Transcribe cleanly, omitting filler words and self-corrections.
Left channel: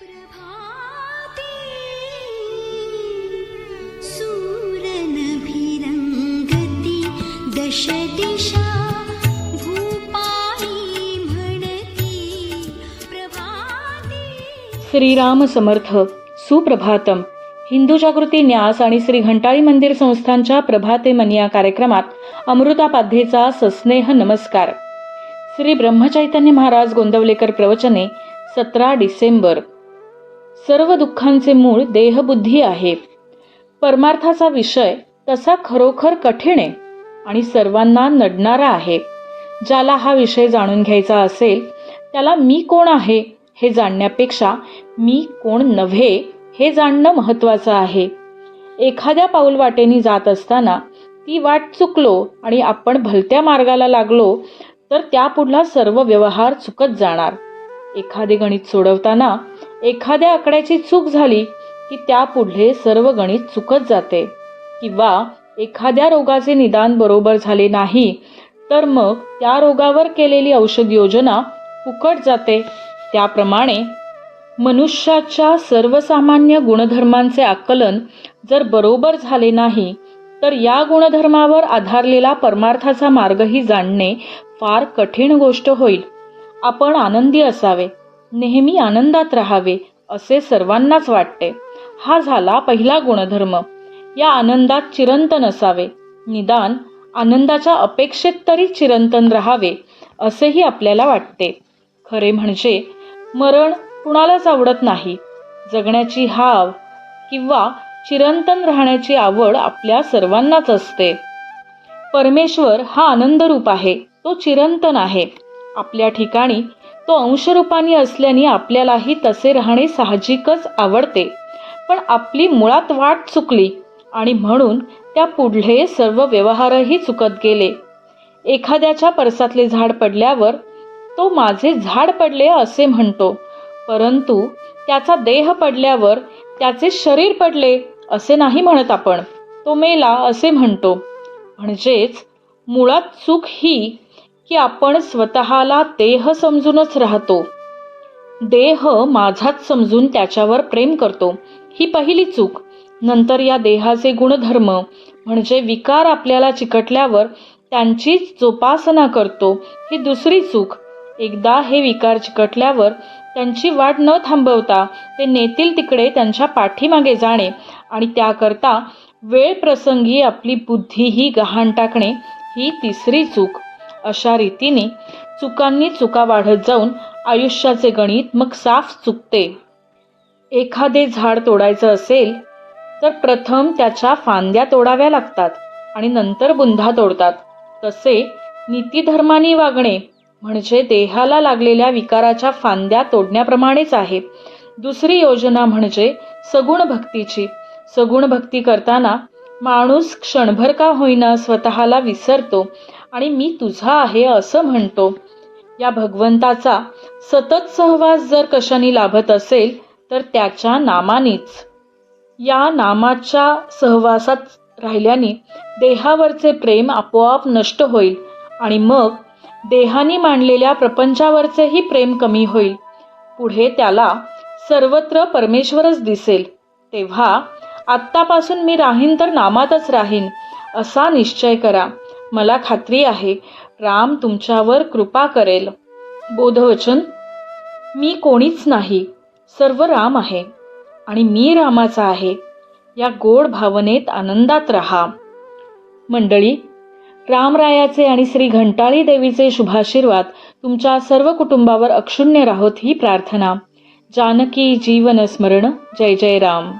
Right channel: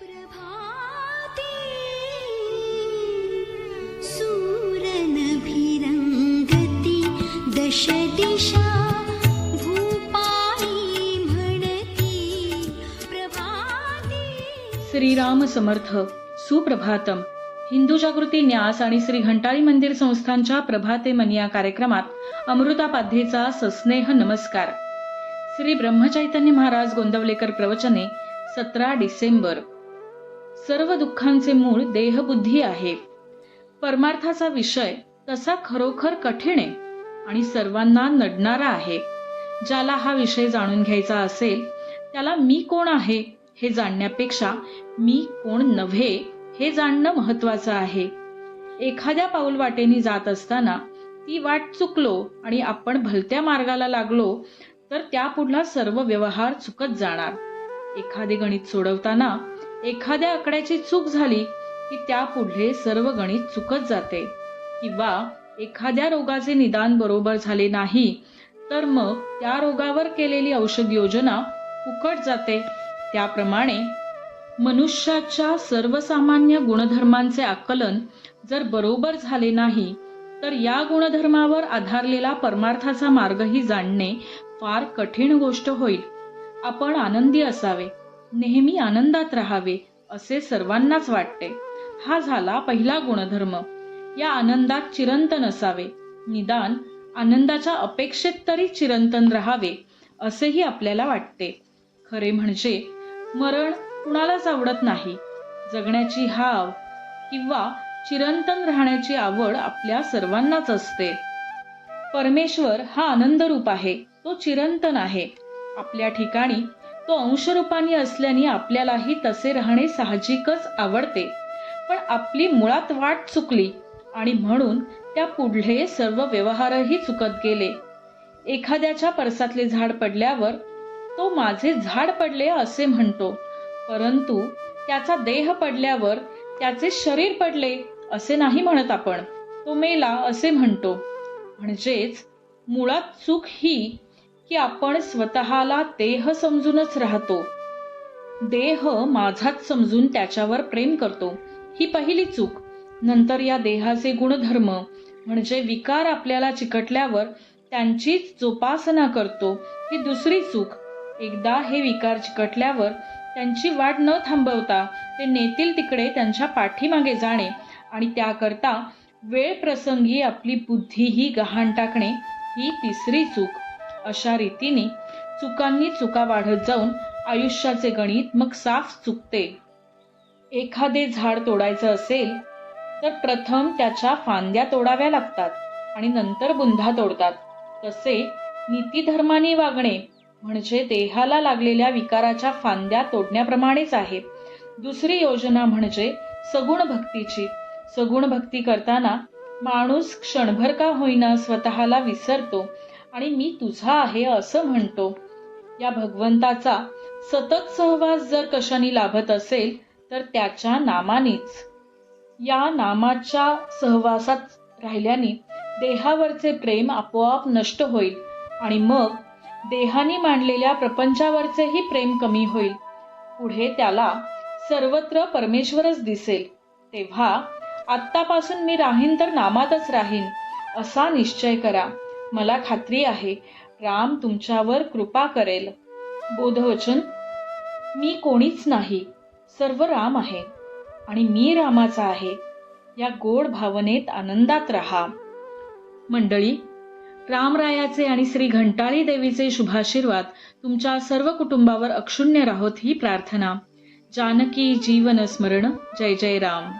प्रभाते सूरनभिरंगती दश दिशा भूपाळी म्हणती प्रभाते। श्रीराम समर्थ सुप्रभातम। हिंदू जागृती न्यास आणि श्री घंटाळी मंदिर संस्थांच्या प्रभाते मन या कार्यक्रमात अमृतापाध्येचा सस्नेह नमस्कार। श्री ब्रह्मचैतन्य महाराज गोंदवलेकर प्रवचने 17 डिसेंबर। सर्व दुःखांचे मूळ देहबुद्धी आहे। परमार्थाचा विषय तसा खरोखर कठीण आहे आणि सर्वांना नडणारा आहे। ज्याला हा विषय जाणून घ्यायचा असेल त्याला मी कोण आहे हे जाणण्यापेक्षा मी कोण नव्हे हे जाणणं महत्वाचं आहे। एखाद्या पाऊल वाटेनी जात असताना ती वाट चुकलो आणि आपण भलत्या मार्गाला लागलो तर त्यापुढला सर्व व्यवहार चुकत जाणार। एखादे गणित सोडवताना एखाद्या आकड्याची चूक झाली की त्यापुढले सर्व गणित चुकत जाते, किंवा एखाद्या रोगाचे निदान बरोबर झाले नाही तर मग त्या रोगावर केलेली औषध योजना फुकट जाते। त्याप्रमाणे मनुष्याच्या सर्वसामान्य गुणधर्मांचे आकलन जर बरोबर झाले नाही तर या गुणधर्मावर आधारलेला परमार्थाचा मार्गही जाणणे फार कठीण गोष्ट होईल। आपण आनंदी असावे, नेहमी आनंदात राहावे असे सर्वांनाच वाटते। हा झाला पहिला गुणधर्म। या आनंदात चिरंतन असावे, निदान आनंदाच्या अपेक्षेत तरी चिरंतन राहावे असेही आपल्याला वाटते। खरे म्हणजे मरण कुणालाच आवडत नाही। जगण्याची हाव किंवा चिरंतन राहण्याची आवड आपल्या सर्वांनाच असते। परमेश्वर हा आनंद रूप आहे, तो चिरंतन आहे। आपल्या ठिकाणी तो अंशरूपाने असल्याने आपल्यालाही तसे राहणे साहजिकच आवडते। पण आपली मुळात वाट चुकली आणि म्हणून त्या पुढले सर्व व्यवहारही चुकत गेले। एखाद्याच्या परसातले झाड पडल्यावर तो माझे झाड पडले असे म्हणतो, परंतु त्याचा देह पडल्यावर त्याचे शरीर पडले असे नाही म्हणत आपण, तो मेला असे म्हणतो। म्हणजेच मुळात चूक ही की आपण स्वतःला देह समजूनच राहतो। देह माझाच समजून त्याच्यावर प्रेम करतो, ही पहिली चूक। नंतर या देहाचे गुणधर्म म्हणजे विकार आपल्याला चिकटल्यावर त्यांचीच जोपासना करतो, ही दुसरी चूक। एकदा हे विकार चिकटल्यावर त्यांची वाट न थांबवता ते नेतील तिकडे त्यांच्या पाठीमागे जाणे आणि त्याकरता वेळ प्रसंगी आपली बुद्धीही गहाण टाकणे, ही तिसरी चूक। अशा रीतीने चुकांनी चुका वाढत जाऊन आयुष्याचे गणित मग साफ चुकते। एखादे झाड तोडायचं असेल तर प्रथम त्याच्या फांद्या तोडाव्या लागतात आणि नंतर बुंधा तोडतात। तसे नीतिधर्माने वागणे म्हणजे देहाला लागलेल्या विकाराच्या फांद्या तोडण्याप्रमाणेच आहे। दुसरी योजना म्हणजे सगुण भक्तीची। सगुण भक्ती करताना माणूस क्षणभर का होईना स्वतःला विसरतो आणि मी तुझा आहे असं म्हणतो। या भगवंताचा सतत सहवास जर कशाने लाभत असेल तर त्याच्या नामानेच। या नामाच्या सहवासात राहिल्याने देहावरचे प्रेम आपोआप नष्ट होईल आणि मग देहाने मांडलेल्या प्रपंचावरचेही प्रेम कमी होईल। पुढे त्याला सर्वत्र परमेश्वरच दिसेल। तेव्हा आत्तापासून मी राहीन तर नामातच राहीन असा निश्चय करा। मला खात्री आहे राम तुमच्यावर कृपा करेल। बोधवचन: मी कोणीच नाही, सर्व राम आहे आणि मी रामाचा आहे, या गोड भावनेत आनंदात राहा। मंडळी, रामरायाचे आणि श्री घंटाळी देवीचे शुभाशीर्वाद तुमच्या सर्व कुटुंबावर अक्षुण्य राहोत ही प्रार्थना। जानकी जीवन स्मरण। जय जय राम।